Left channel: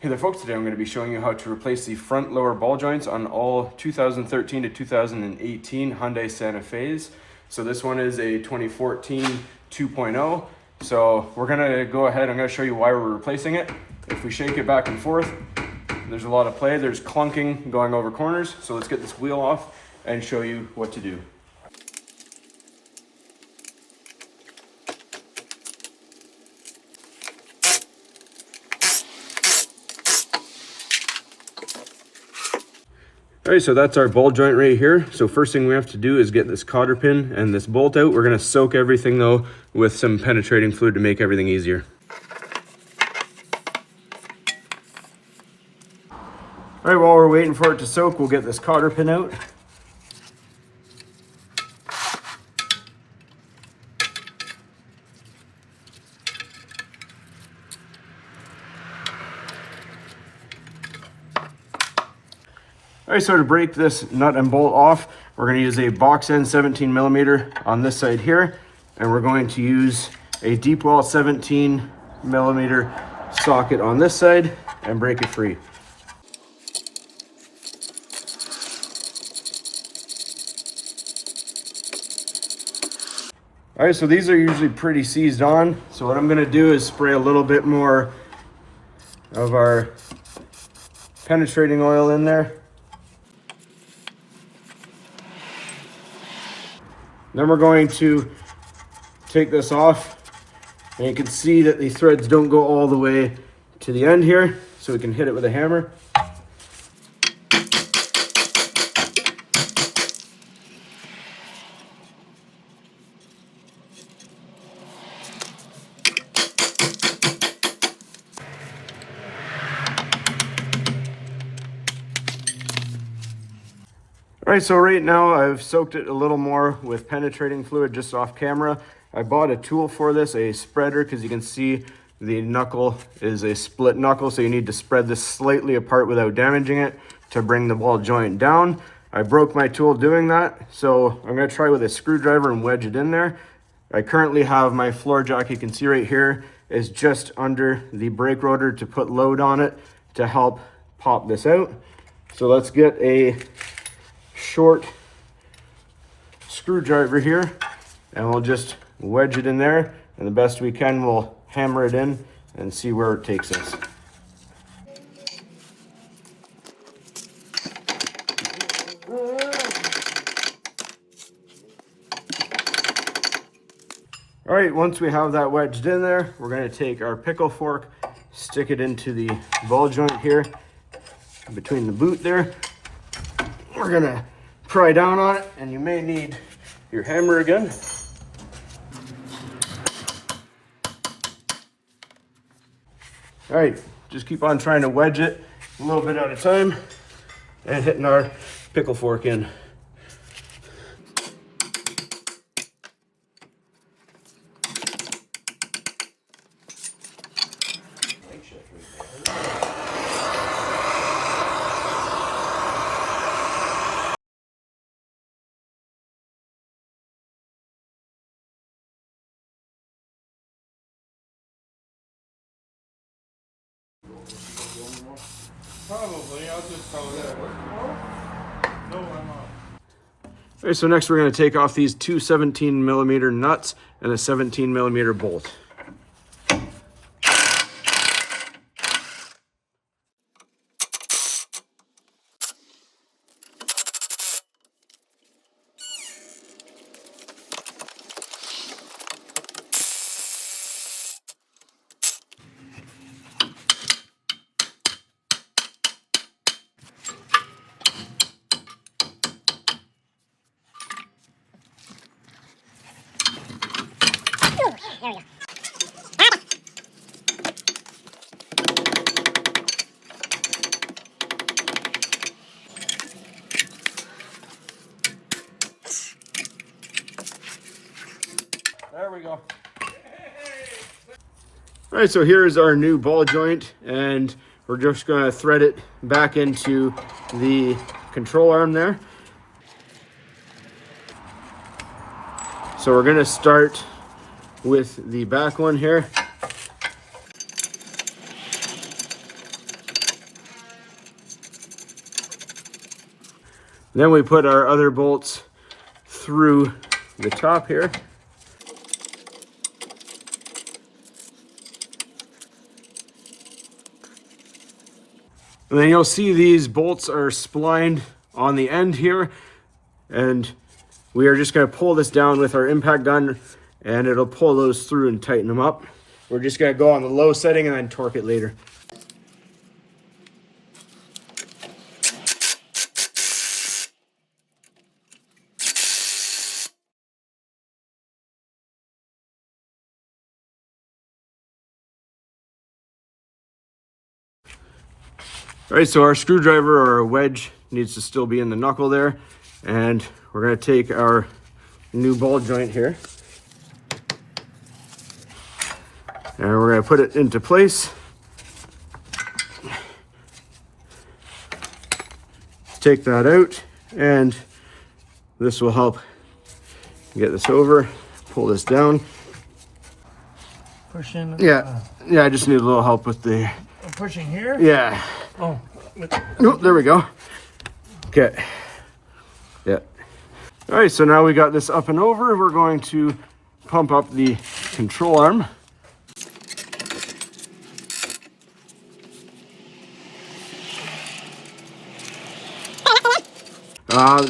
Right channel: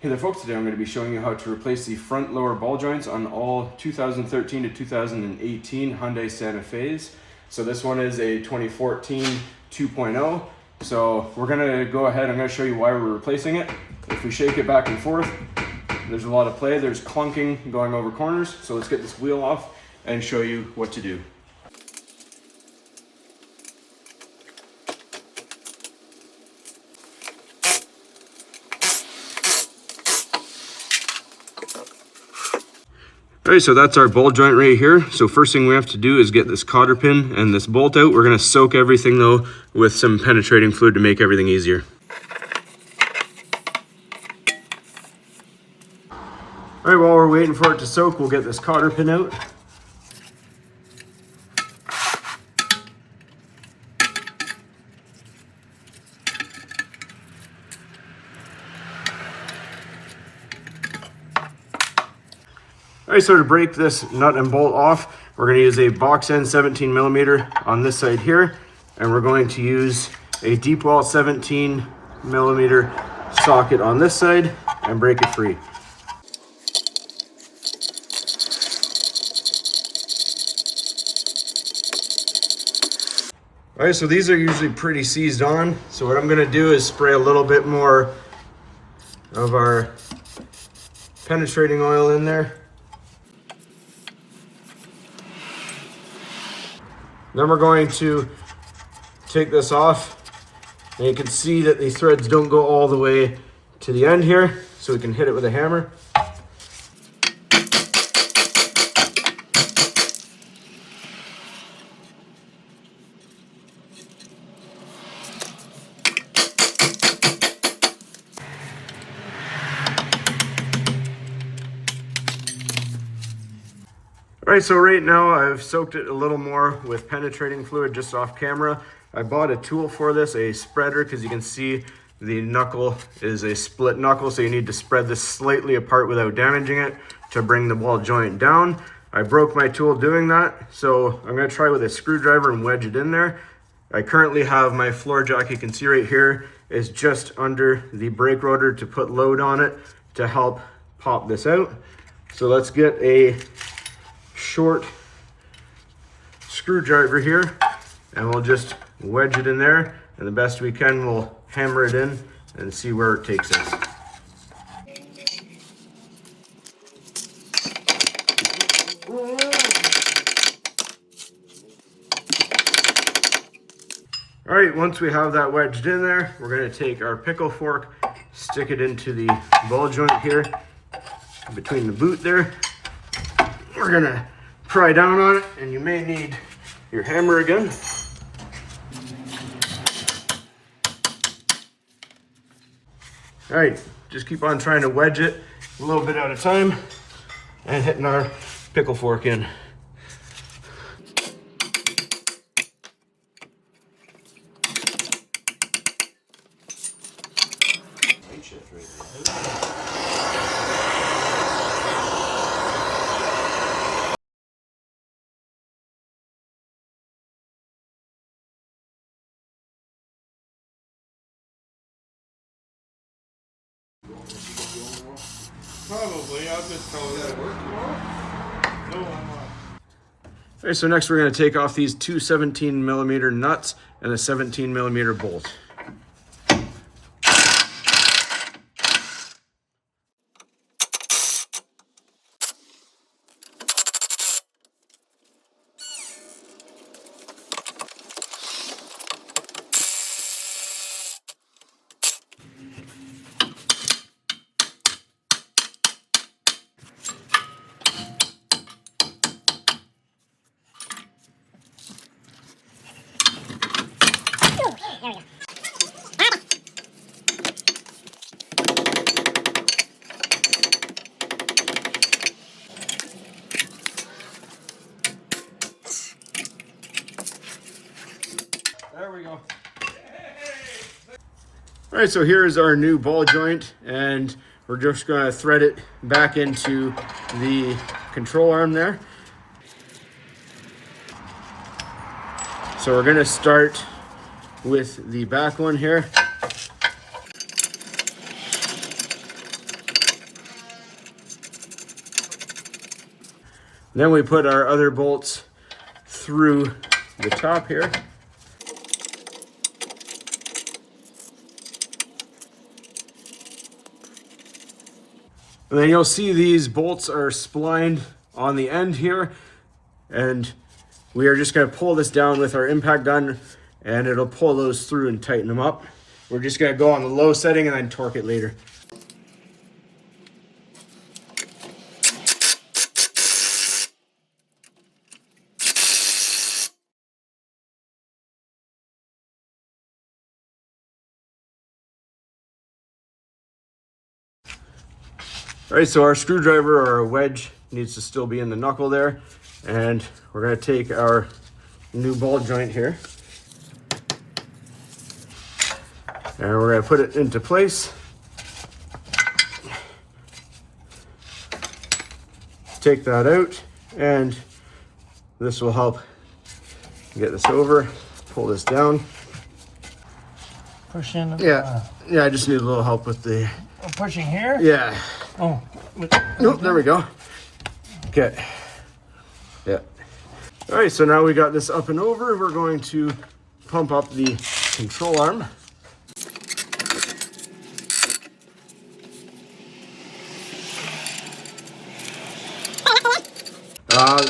Hey there folks, today I'm going to be showing you how to replace the front lower ball joints on all 2013 to 2018 Hyundai Santa Fe's. So this one is a 2014 2.0. So we're going to go ahead, I'm going to show you why we're replacing it. If we shake it back and forth, there's a lot of play, there's clunking going over corners. So let's get this wheel off and show you what to do. All right, so that's our ball joint right here. So first thing we have to do is get this cotter pin and this bolt out. We're gonna soak everything though with some penetrating fluid to make everything easier. All right, while we're waiting for it to soak, we'll get this cotter pin out. All right, so to break this nut and bolt off, we're going to use a box end 17 millimeter on this side here, and we're going to use a deep well 17 millimeter socket on this side and break it free. All right, so these are usually pretty seized on. So what I'm going to do is spray a little bit more of our penetrating oil in there. Then we're going to take this off, and you can see that the threads don't go all the way to the end here, so we can hit it with a hammer. All right, so right now I've soaked it a little more with penetrating fluid just off camera. I bought a tool for this, a spreader, because you can see the knuckle is a split knuckle, so you need to spread this slightly apart without damaging it to bring the ball joint down. I broke my tool doing that, so I'm gonna try with a screwdriver and wedge it in there. I currently have my floor jack, you can see right here, is just under the brake rotor to put load on it to help pop this out. So let's get a short screwdriver here, and we'll just wedge it in there, and the best we can we'll hammer it in and see where it takes us. All right, once we have that wedged in there, we're going to take our pickle fork, stick it into the ball joint here between the boot there. We're gonna pry down on it, and you may need your hammer again. All right, just keep on trying to wedge it a little bit at a time and hitting our pickle fork in. Probably, I'll just tell that. No, I'm not. Okay, so next we're going to take off these two 17 millimeter nuts and a 17 millimeter bolt. There we go. All right, so here is our new ball joint, and we're just going to thread it back into the control arm there. So we're going to start with the back one here. Then we put our other bolts through the top here. And then you'll see these bolts are splined on the end here, and we are just going to pull this down with our impact gun, and it'll pull those through and tighten them up. We're just going to go on the low setting and then torque it later. All right, so our screwdriver or a wedge needs to still be in the knuckle there. And we're gonna take our new ball joint here. And we're gonna put it into place. Take that out, and this will help get this over. Pull this down. Push in. Yeah, I just need a little help with the... Pushing here? Yeah. Oh. Nope, there we go. Okay. Yeah. All right, so now we got this up and over. We're going to pump up the control arm.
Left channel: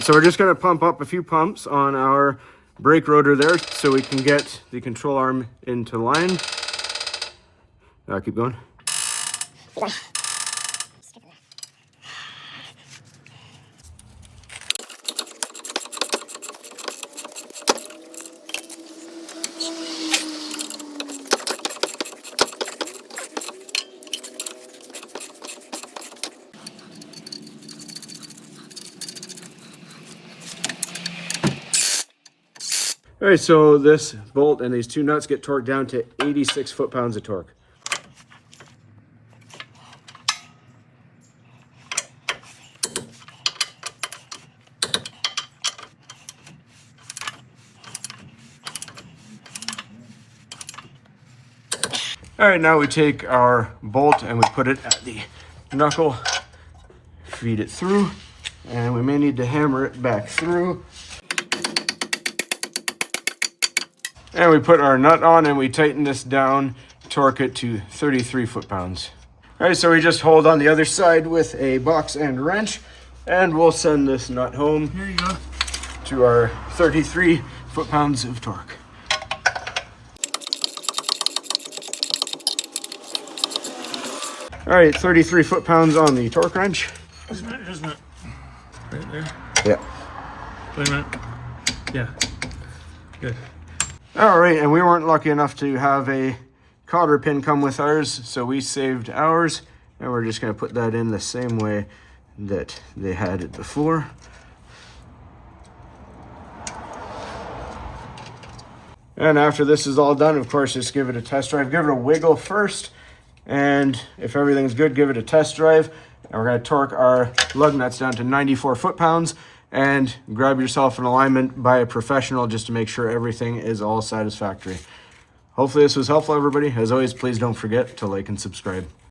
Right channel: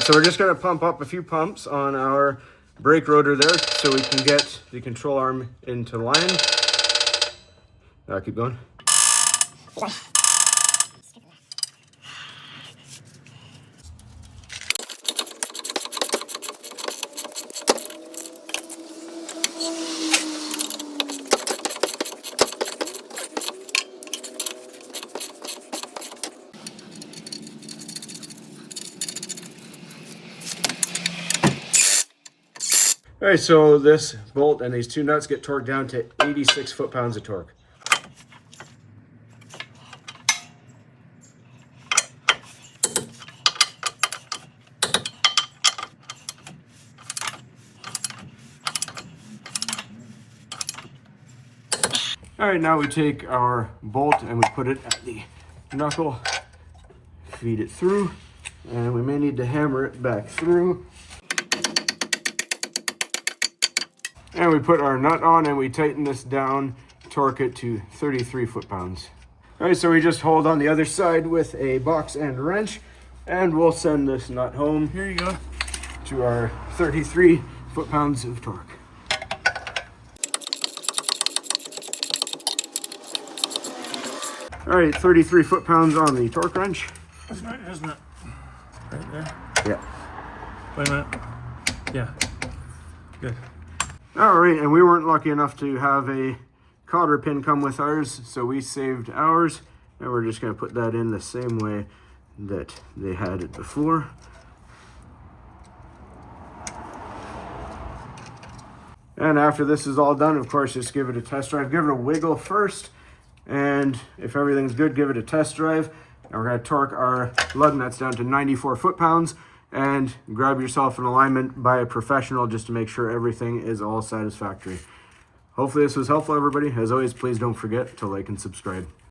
So we're just going to pump up a few pumps on our brake rotor there so we can get the control arm into line. Now keep going. All right, so this bolt and these two nuts get torqued down to 86 foot-pounds of torque. All right, now we take our bolt and we put it at the knuckle, feed it through, and we may need to hammer it back through. And we put our nut on and we tighten this down, torque it to 33 foot-pounds. All right, so we just hold on the other side with a box and wrench, and we'll send this nut home. Here you go. To our 33 foot-pounds of torque. All right, 33 foot-pounds on the torque wrench. Isn't it? Right there. Yeah. Wait a minute. Yeah. Good. All right, and we weren't lucky enough to have a cotter pin come with ours, so we saved ours, and we're just gonna put that in the same way that they had it before. And after this is all done, of course, just give it a test drive. Give it a wiggle first, and if everything's good, give it a test drive. And we're gonna torque our lug nuts down to 94 foot-pounds, and grab yourself an alignment by a professional just to make sure everything is all satisfactory. Hopefully this was helpful, everybody. As always, please don't forget to like and subscribe.